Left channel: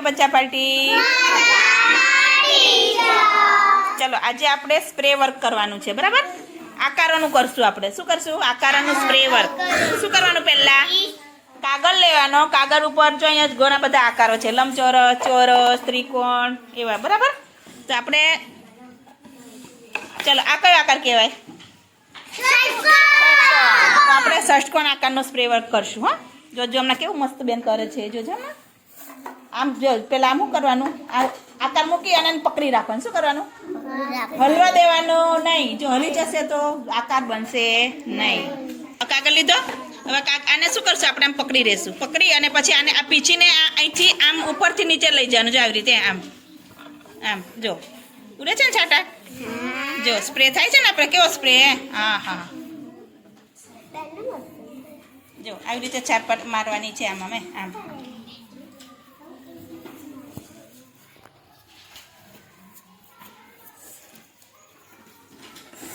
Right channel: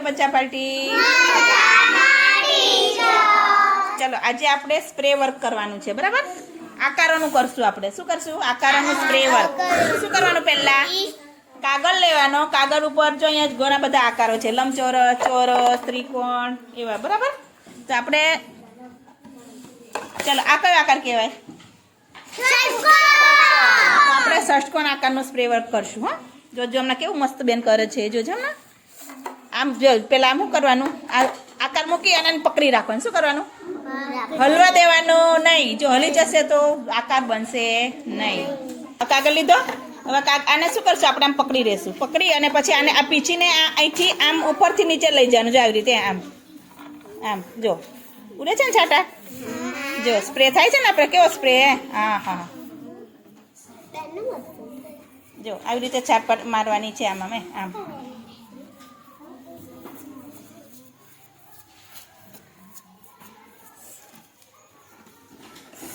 બચ્ચા પાર્ટી? ચલો, આજે આપણે સ્પ્રે વર્ક કરવાનું છે, બરાબર? આકારોનું કરશું આપણે. શું કરશું? આકારોનું સ્પ્રે વર્ક શું કરવાનું પહેલા? કાગળ લેવાનો. કાગળ ઉપર જો અહીંયા ઘણા બધા આકારો છે. લંબચોરસ, ચોરસ, ત્રિકોણ, એવા, બરાબર? તો આપણે ચલો, આ કયો આકાર કહેવાય? તો આપણે ષષ્ટકોણ આકારનો સ્પ્રે વર્ક કરશું, હા. જોજો હમણાં કેવું મસ્ત બેન કરે છે. જોજો હમણાં. આમ પેલા આમ શું કરવાનું? આ આકાર મૂકી અને પકડી રાખવાનું. શું કરવાનું? હલવા દેવાનું નહીં. જો હલી જશે તો આકાર બનશે નહીં. કાગળ લીધો? હવે આને શું કરશું? આપણે આમ પકડી રહેશું. પકડી અને પછી આને આ પીછીને આ અહીંથી આમ ઉપરથી નીચે લઈ જવાનું. જો આવી રીતે આમ. આમ, જો. ઉડે છે ને છાટા? જો સ્પ્રે થાય છે ને આપણે? કેવો સ્પ્રે હા હા. જો, આવી રીતે છાટ મારવાની છે આમ અમે આમ.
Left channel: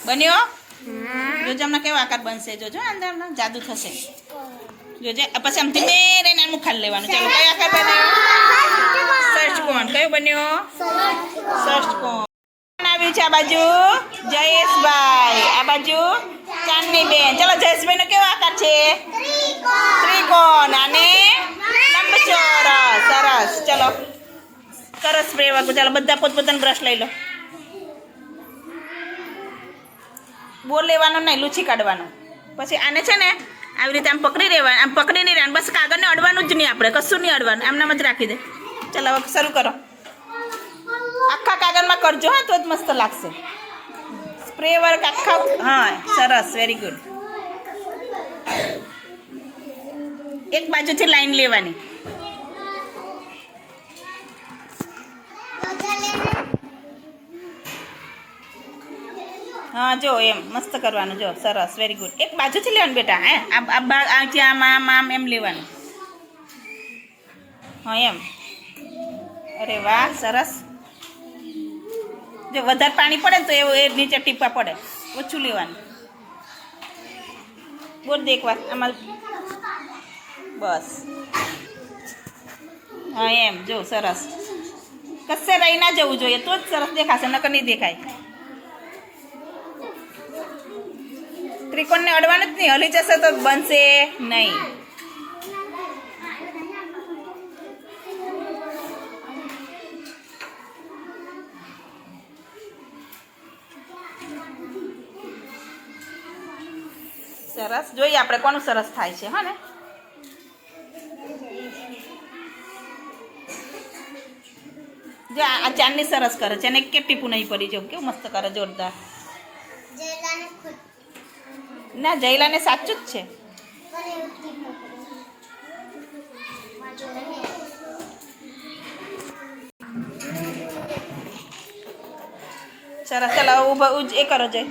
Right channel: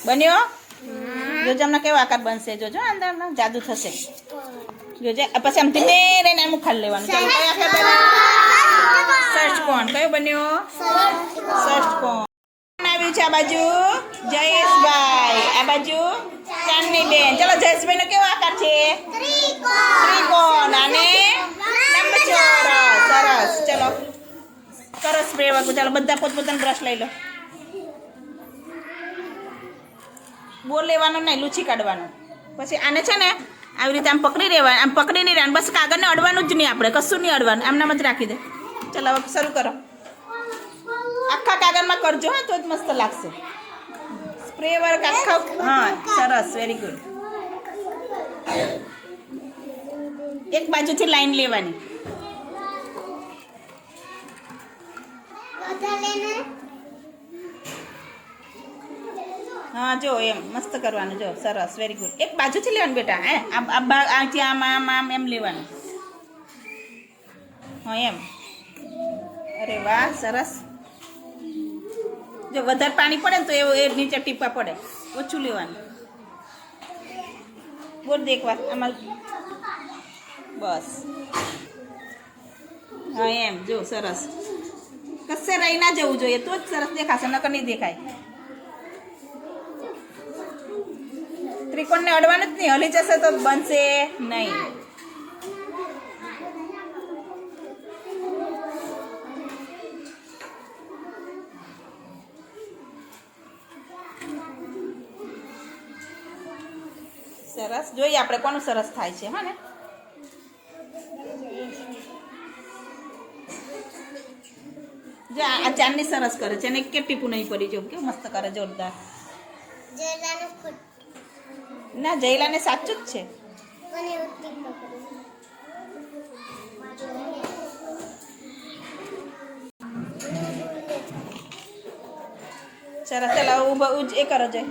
બન્યો? જોજો હમણાં કેવો આકાર બનશે. જોજો અંદર જાદુ થશે. જોજે. પછી આમ ધીમે રહીને આમ ખાલી લેવાનું. ચાલો કયો આકાર બન્યો? ષષ્ટકોણ કયો બન્યો? ષષ્ટકોણ આવ્યું છે આ બાજુ? જયેશભાઈ. આ બાજુ ચાંદની બેન ચલો જયેશભાઈ નો કેવો આકાર છે? ત્રિકોણ. અને લંબચોરસ. સરસ. ચલો. સરસ સ્પ્રે ચાલો બધા પોતપોતાનું બ્રશ લઈ લો. બોર લેવાનો નહીં, લૂછી કાઢવાનો. પછી આને છે ને, આવી રીતે આમ પકડી રહેવાનું આમ પકડી નહીં રહેવાનું, બસ કાગળને અડવાનું જ નહીં આપણે, કશું નહીં અડવાનું, આમનામ જ રાખી દે. ચાલો, હવે શરૂ કરો. આખા કાગળમાં કરજો, હા, તો જ મસ્ત લાગશે. સ્પ્રે વર્ક આખા હા, સરસ વેરી ગુડ એક બાજુથી લાઈન લેવાની. હા, જો એમ, મસ્ત કરવાનું, જો, સરસ વેરી ગુડ એક બાજુથી લેવાનું બેટા, હે? આ આ બા- આમ આમ એમ લેવાનું. હા, એમ. અરે વાહ, સરસ. જો, વધારે પાણી પડે ને તો એવું એ નીચે ટીપા પડે. ઓછું લેવાનું. બોલ દે વાત આમાં બસ. હા, એમ, જો, સરસ. કશે રહી ના જવું જોઈએ, તો જ સરસ દેખાશે, નકર નહીં દેખાય. ત્રિકોણને અડવાનું જ નહીં. હલી જશે તો બનશે નહીં. સરસ. જોઈએ આપણે કોનું સરસ થાય છે, હા ને? જો આ ચાંદની સરસ કરે છે અને કે ટીપું નહીં પડી જો કેવું મસ્ત કરે, જોરદાર. ના, જયલાને સાચું જ છે. સરસ ચાલો ઊભા એ કરો, જય.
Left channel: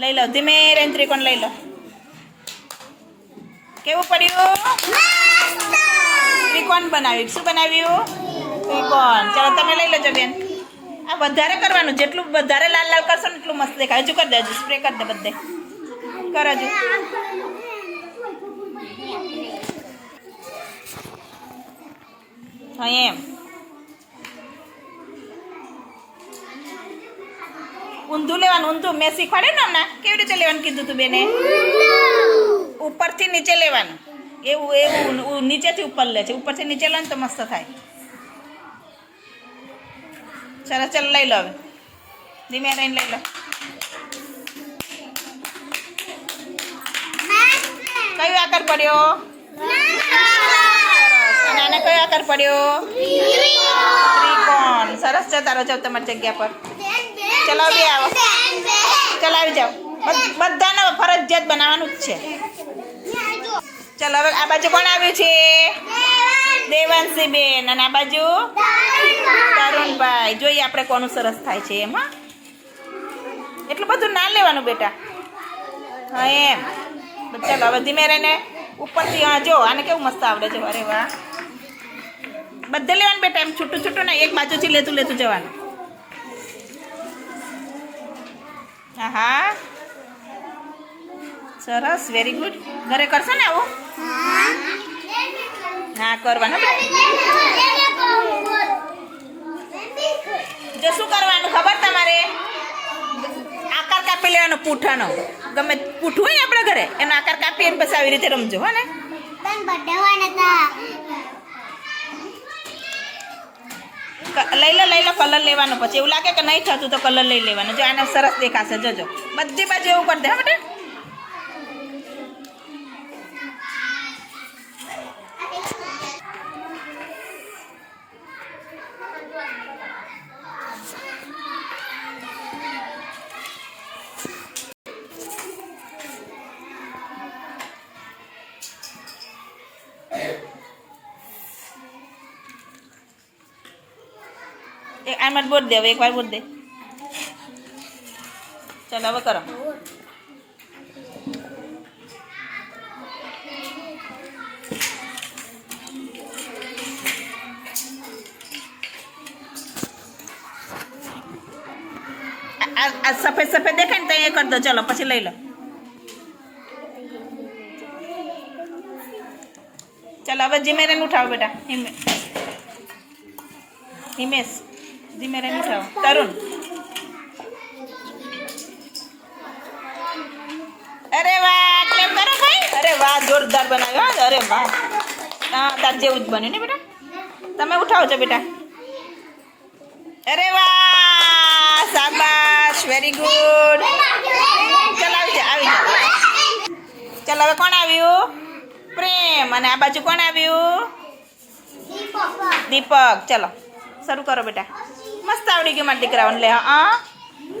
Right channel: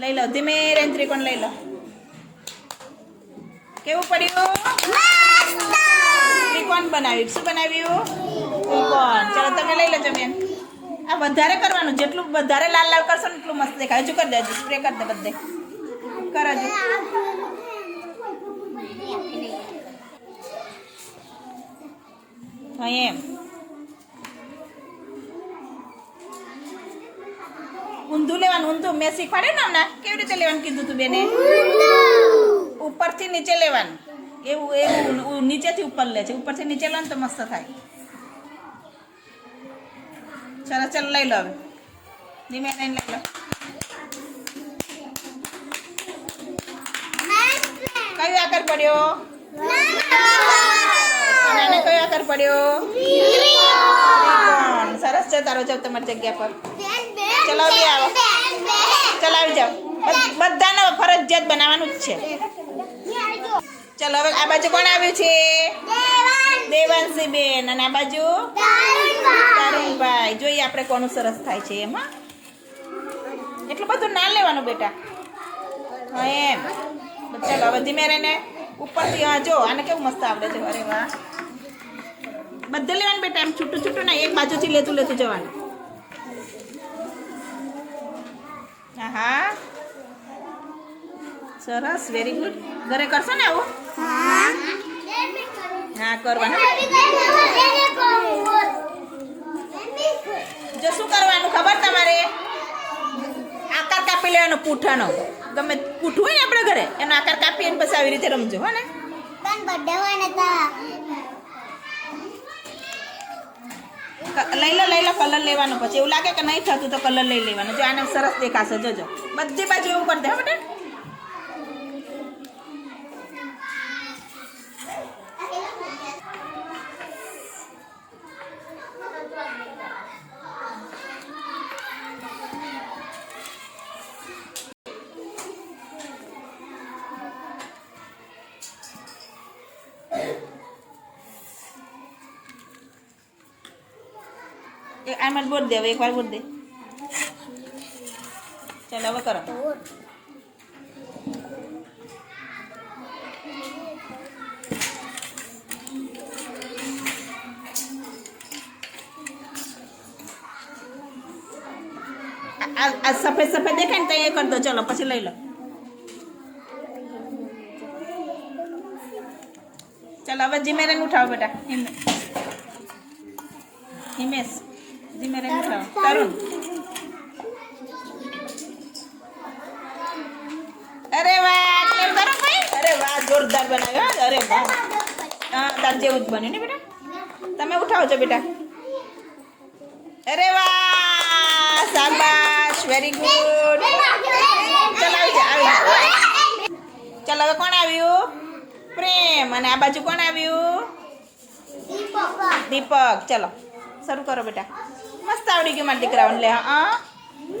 લઈ લો, ધીમે રેન ત્રિકોણ લઈ લો. કેવું પડ્યું? ત્રિકોણ બનાવ્યું? શું બનાવ્યું? ત્રિકોણ ચાલો, તમે લઈ લેજો, બેન. આ વધારે કરવાનું, જેટલું વધારે લાલ લાલ કરશો ને એટલું મસ્ત દેખાય. હજુ કરી દેજો સ્પ્રે કરી દે બધે. કર હજુ હા, એમ. ઊંધું લેવાનું, ઊંધું. મેં શીખવાડ્યું ને હમણાં? કેવી રીતે લેવાનું કીધું તું બેને? ઉપરથી નીચે લેવાનું. એવું એવું નીચેથી ઉપર લે છે. ઉપરથી નીચે લે તો મસ્ત થાય. ચાલો, ચાલ લઈ લો હવે. ધીમે રહીને લઈ લો. કયો આકાર પડ્યો? અને આને કયો આકાર પડ્યો? ત્રિકોણ. સરસ જતા રહો જાવ તમારી જગ્યા પર. ચલાવ બે આવો. ચલાવી જાઓ. બધ- બધાને ફરજિયાત બનાવવાનું જ છે. ચલો હવે આ બાજુ કોણ આવ્યું છે? દેવાંશી બેન અને આ બાજુ? તરુણભાઈ. જોઈએ આપણે કોનું સરસ થાય છે એમ એટલું બધું ના લેવાનું બેટા. હા એમ. બટ ચાલો હવે ધીમે રહીને ઉપરથી, આ જો, આને કેવું મસ્ત આવડે છે, અરે વાહ. બધે લેવાનું બેટા, એમ છૂટું છૂટું ને એક બાજુથી લેતું લેતું જવાનું. હા સરસ વેરી ગુડ ઘરે કરશો ને આવું? ના કરવાનું જો શું કરવાનું ખબર તમારે? આકાર કાપી લેવાનો, પૂઠાનો. ગમે પૂઠું હોય આપણા ઘરે? એનો આકાર કાપી અને પછી આવી રીતે રમજો, હો ને? લઈ લો લઈ લો, કલર લેવાનો પછી. એવું લાગે કે નહીં થતું તો કલર લઈ લેવાનો. જો આને સરસ દેખાશે. જોજો. બધી બાજુ એવું કરી દે, હા બેટા. એક આમાં બોલ દે, હવે એકવાર બોલ દે. ચાલો, હવે કરો. આ- આ આ સફેદ સફેદ દેખાય ને તો એ કરી દો, ચલો, પછી લઈ લો. ચાલો, હવે જીમેરેન ઉઠાવો બેટા, હિમે હિમેશ. જીમેરેન ઉઠાવો તરુણ અરે વાહ ક્લેમ કરો ભાઈ અરે વાહ જોરદાર બનાવ્યો હા. અરે વાહ હા તાર જેવું જ બન્યું ને બેટા તમે ઉઠાવો છો બેટા અરે વાહ શાબાશ વેરી ગુડ ચાલ આવી જા આવી જા ચાલ હવે કોણ આવ્યું પ્રેમ અને આ બાજુ કોણ આવ્યું દીપક ચલો શરૂ કરો બેટા મસ્ત આવડી ગયું મારા દીકરાઓને લે હા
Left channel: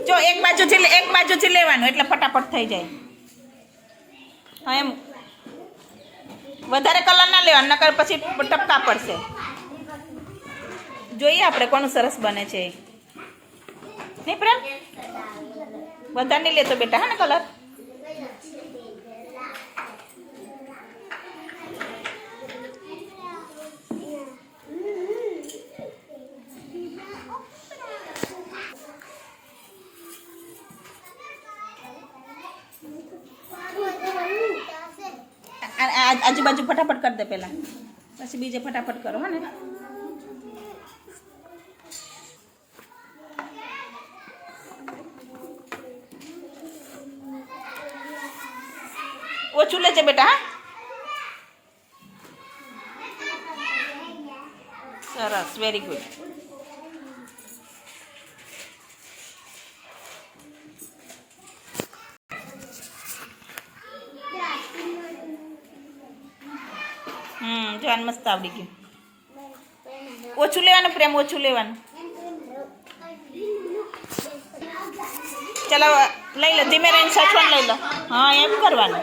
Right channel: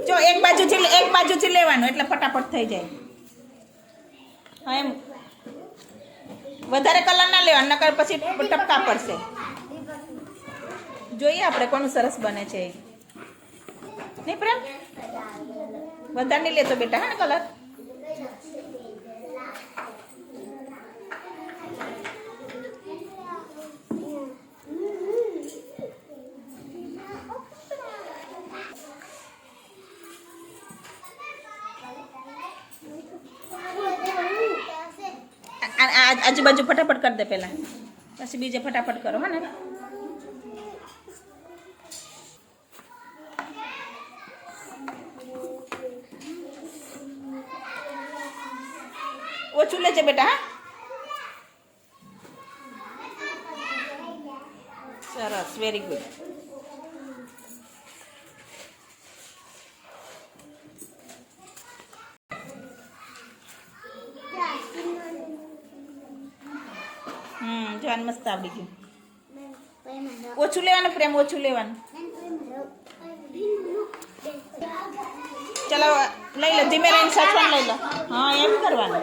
જો એક બાજુથી એક બાજુથી લેવાનું, એટલે ફટાફટ થઈ જાય. હા, એમ. વધારે કલર ના લેવા નકર પછી ટપકા પડશે. જોઈએ આપણે કોનું સરસ બને છે. નહીં પ્રેમ? વધારે નહીં લેતો બેટા, હા ને કલર આ- આ- આજુબાજુ ફટાફટ કરી દે પહેલાં. પછી બીજે ફટાફટ કરો, હા ને? ઓછું લેજે બેટા, હા? સરસ વેરી ગુડ હમ મસ્ત આવડી ગયું. ઓછું લેવાનું પ્રેમ, ઓછું લેવાનું. ચલો, લઈ લો, ધીમે રહીને સચવાન લઈ લો. હા, એમ કરવાનું.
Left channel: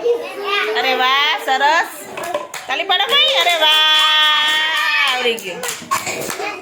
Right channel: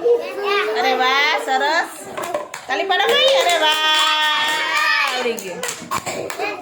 અરે વાહ, સરસ. તાલી પડો ભાઈ. અરે વાહ, આવડી ગયું.